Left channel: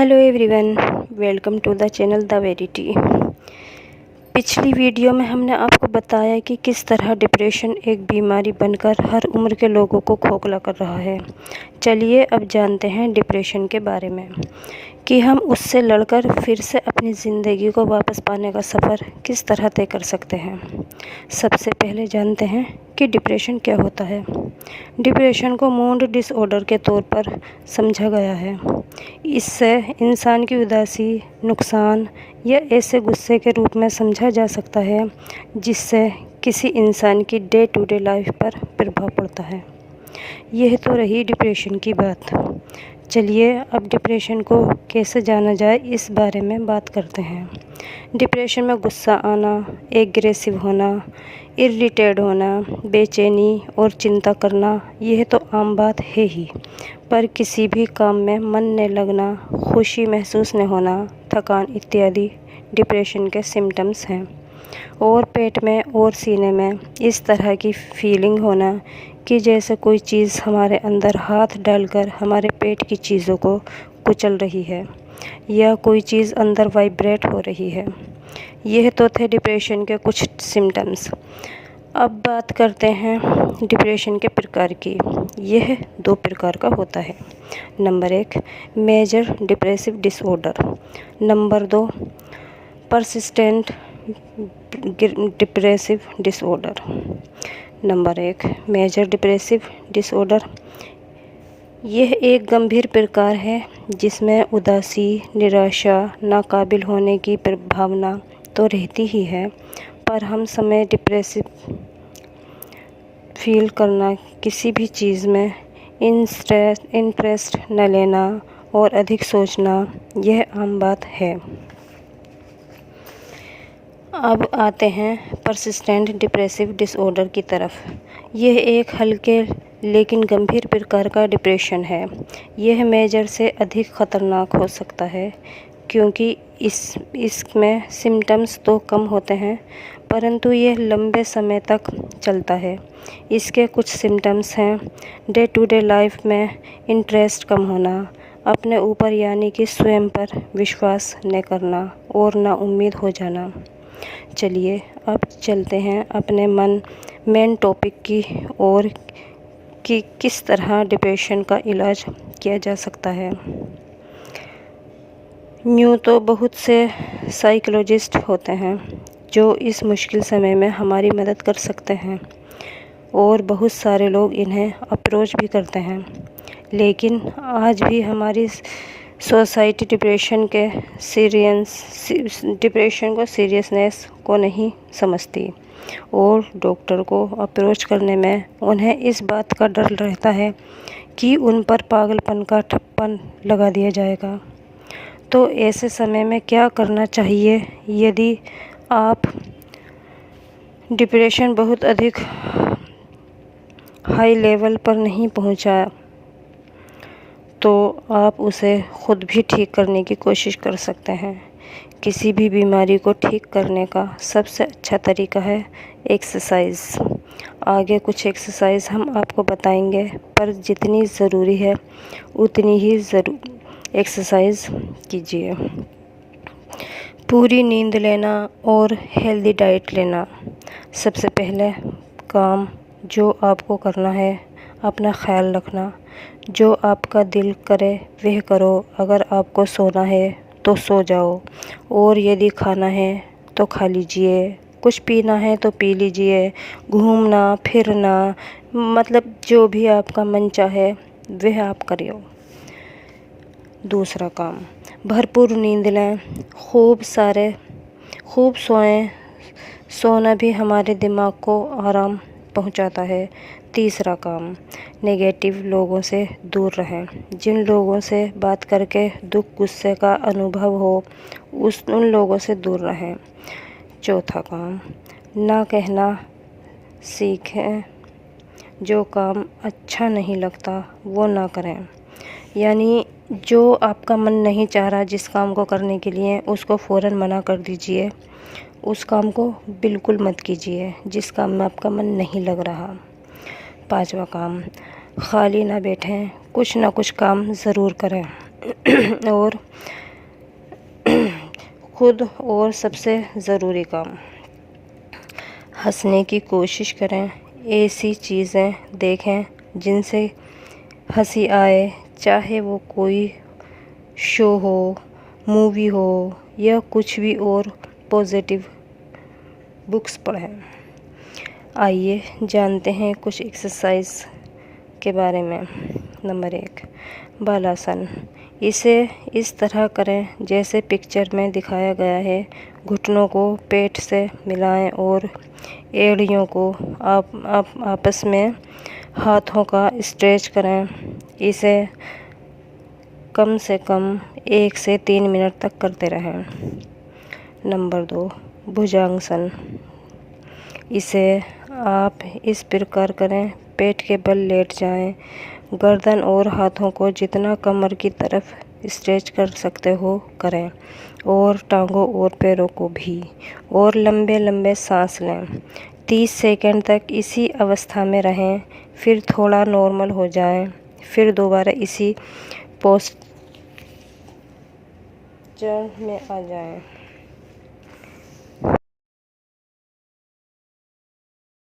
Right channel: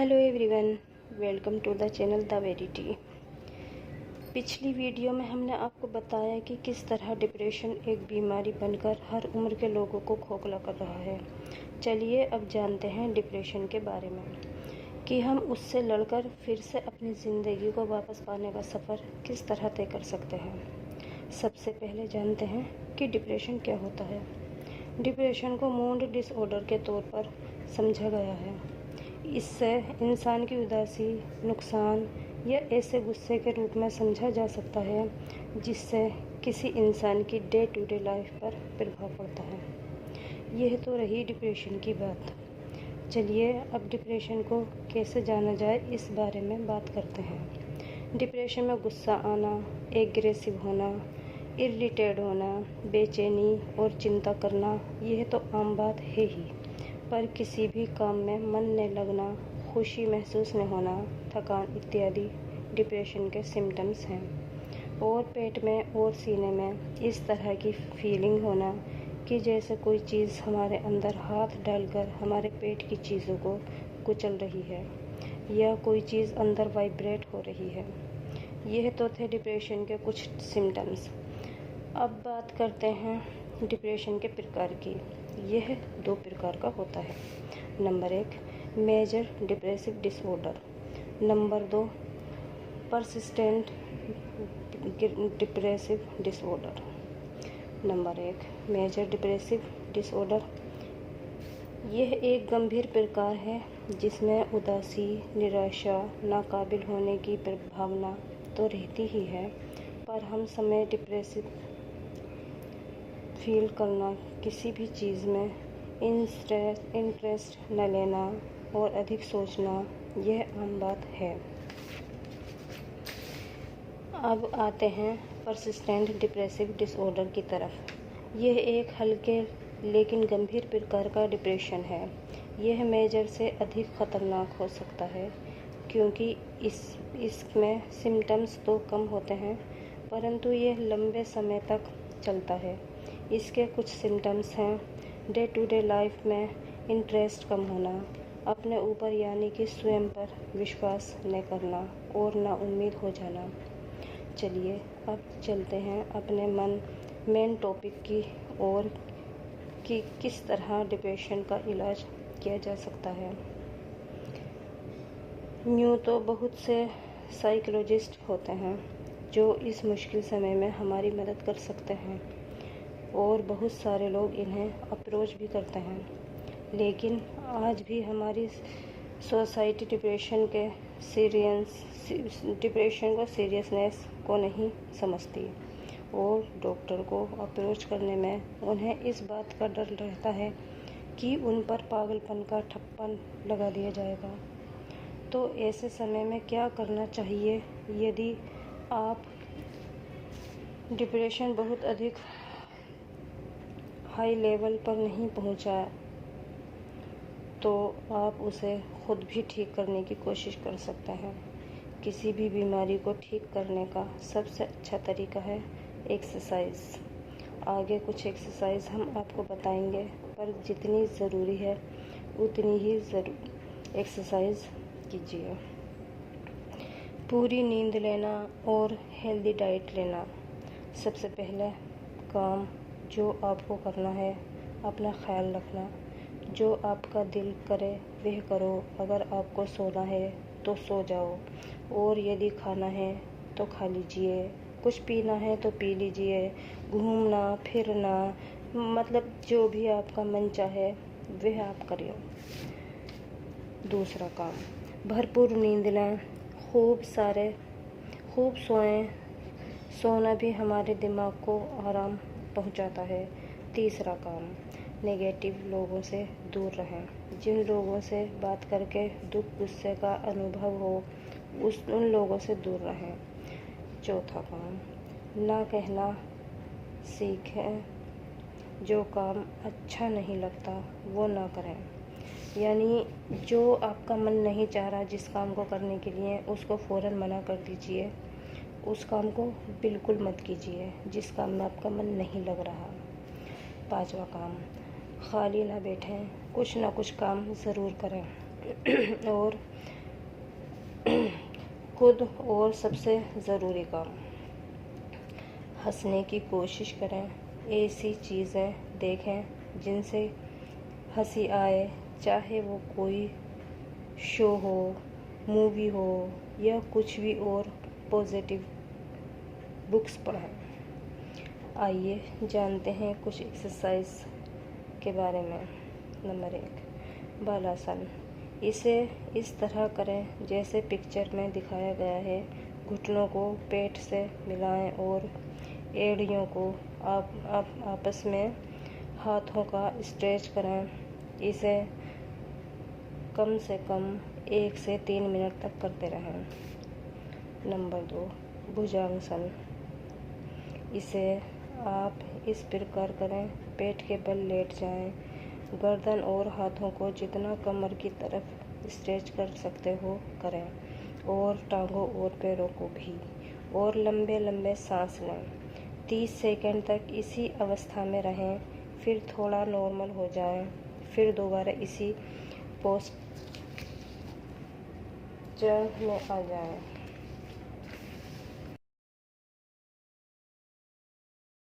Hello everyone, welcome to the channel the Verity. पिछली video में हमने आपको बताया कि किस तरह डिप्रेशन एक बीमारी बनकर हर उम्र के लोगों को खोखला कर रहा है। चलिए अब जानते हैं डिप्रेशन के बारे में कि हम उससे लड़कर फिर से अपनी ज़िंदगी को वापस पाने का सफ़र किस तरह तय कर सकते हैं। सबसे पहले जानते हैं कि डिप्रेशन क्या होता है। डिप्रेशन को मूड डिसऑर्डर के तौर पर समझा गया है। इससे इंसान की उदासी, नुकसान या ऐसे गुस्से के रूप में समझा जा सकता है जिससे किसी इंसान की डे टू डे लाइफ पर प्रभाव पड़ता है। यह तो रही डिप्रेशन की बात। चलिए अब डिप्रेशन को कैसे जाना जाए इस बारे में बात करते हैं। डिप्रेशन में गुस्सा आना, एग्रेसिव होना, इरिटेट होना, बेचैनी और चिंता करना, यह तो आम बात है ही। पर किसी भी काम में मन न लगना, खुशी महसूस न होना, थकान इत्यादि डिप्रेशन के सिम्टम्स हैं। और पेट में और सीने में इस तरह की फीलिंग होना कि जैसे कोई चीज़ हमारे अंदर हाथ डालकर हमारे पेट की चीज़ों को कुचल रही है या कोई चीज़ अंदर वाइब्रेट हो रही है। यह तो थे डिप्रेशन के कुछ सिम्टम्स। अब बात करते हैं डिप्रेशन के प्रकार की। यह 2 प्रकार का होता है। Number 1 major depressive disorder. Number 2 persistent depressive disorder. Number 1 major depressive disorder. यह एक गंभीर प्रकार है जिसमें उदासी, निराशा, नाकाबिल होने की भावना तो रहती ही है, पर हम समय डिप्रेसिव फील करना, किसी भी चीज़ में इंटरेस्ट न लेना और अधिक सोचना, यह आम बात है। अब आते हैं परसिस्टेंट डिप्रेसिव डिसऑर्डर की तरफ। यह एक हल्के लेकिन गंभीर प्रकार का डिप्रेशन है। यह मेजर से अधिक ख़तरनाक हो सकता है क्योंकि इसमें सिम्टम्स तो कम होते हैं, परंतु यह लंबे समय तक चलता है। इसके कुछ सिम्टम्स हैं डे टू डे लाइफ में इंटरेस्ट कम होना, अपने ऊपर यानी कि स्वयं पर विश्वास न करना और नाउम्मीद हो जाना। चलिए अब चलते हैं अपने मेन टॉपिक की ओर कि किस तरह डिप्रेशन का इलाज किया जा सकता है। यूँ तो बहुत से साइकोलॉजिस्ट होते हैं जो इस मुश्किल समय में हमारी मदद कर सकते हैं और बहुत सारे लोग इन्हें अप्रोच भी करते हैं, लेकिन आज भी हमारी सोसाइटी डिप्रेशन को सीरियसनेस को नहीं समझती और डॉक्टर को अप्रोच करने में उन्हें इस बात का डर रहता है कि उन पर पागलपन का ठप्पा लगा दिया जाएगा। तो ऐसे समय में क्या करना चाहिए? यदि आप डिप्रेशन बहुत अधिक हाई लेवल पर नहीं पहुंचा तो आप उसे खुद भी ठीक करने की कोशिश कर सकते हैं। किसी भी बीमारी को ठीक करने का सबसे अच्छा तरीका है एक्सरसाइज। आगे कुछ एक्सरसाइज हम आपको बताएंगे, पर जितनी ज़रूरी है उतनी ही एक्सरसाइज कीजिए। पूरी नींद लेना और हेल्दी डाइट लेना। सबसे पहले काम जो आपको करना है, अपना ख्याल रखना। जो आपका दिल करे वह करो। अगर आपको सोना है तो सो जाओ, और यदि खाना है तो खा लीजिए, कुछ पीना है तो पी लीजिए। घूमना फिरना, मतलब जो भी आपका मन चाहे वह आप करिए। दूसरा काम, भरपूर नींद लें, खूब सोएं। सोना भी हमारे दिमाग को आराम पहुंचाता है। तीसरा काम, नेगेटिव लोगों से दूर रहें। जिन लोगों से बात करके दुख गुस्से का अनुभव हो उन लोगों से दूर रहें। चौथा काम, ना कहना सीखें। जो काम अच्छा नहीं लगता वो ना करें। यानी जो आपका मन नहीं चाह रहा जिस काम को करने के लिए, उसको फ़ौरन मना कर दीजिए। उस काम को बिल्कुल मत कीजिए जिस काम में आपका मन नहीं लग रहा। पांचवा काम, खाली ना बैठें, कुछ ना कुछ काम ज़रूर करें। और खुद और सबसे ज़रूरी काम, हंसने की कोशिश करें। ऐसी चीज़ें देखें जिनसे हंसी आए, चाहे वो कोई शो हो, मूवी हो या कुछ भी और पॉजिटिव बुक्स पढ़ें। आइए जानते हैं कुछ एक्सरसाइज के बारे में। नंबर 1, बालासन। इसे इस तरह करें जैसे पिक्चर में दिखाया गया है। घुटनों को पेट से मिलाएं और एड़ियों को आपस में हाथों का स्ट्रेच करें। इसे कम से कम 1 से 3 मिनट तक करते रहें। नंबर 2, भुजंगासन। इसे आप इस प्रकार करें, पेट के बल लेट जाएं, गर्दन और हाथों को जितना कमर की तरफ स्ट्रेच कर सकते हो करें, और टांगों और पैरों को भी, और लंबे लंबे सांस लें। 30 सेकंड तक इसी अवस्था में रहें, फिर थोड़ा नॉर्मल हो जाएं, फिर दोबारा इसी पोस्चर में आ जाएं।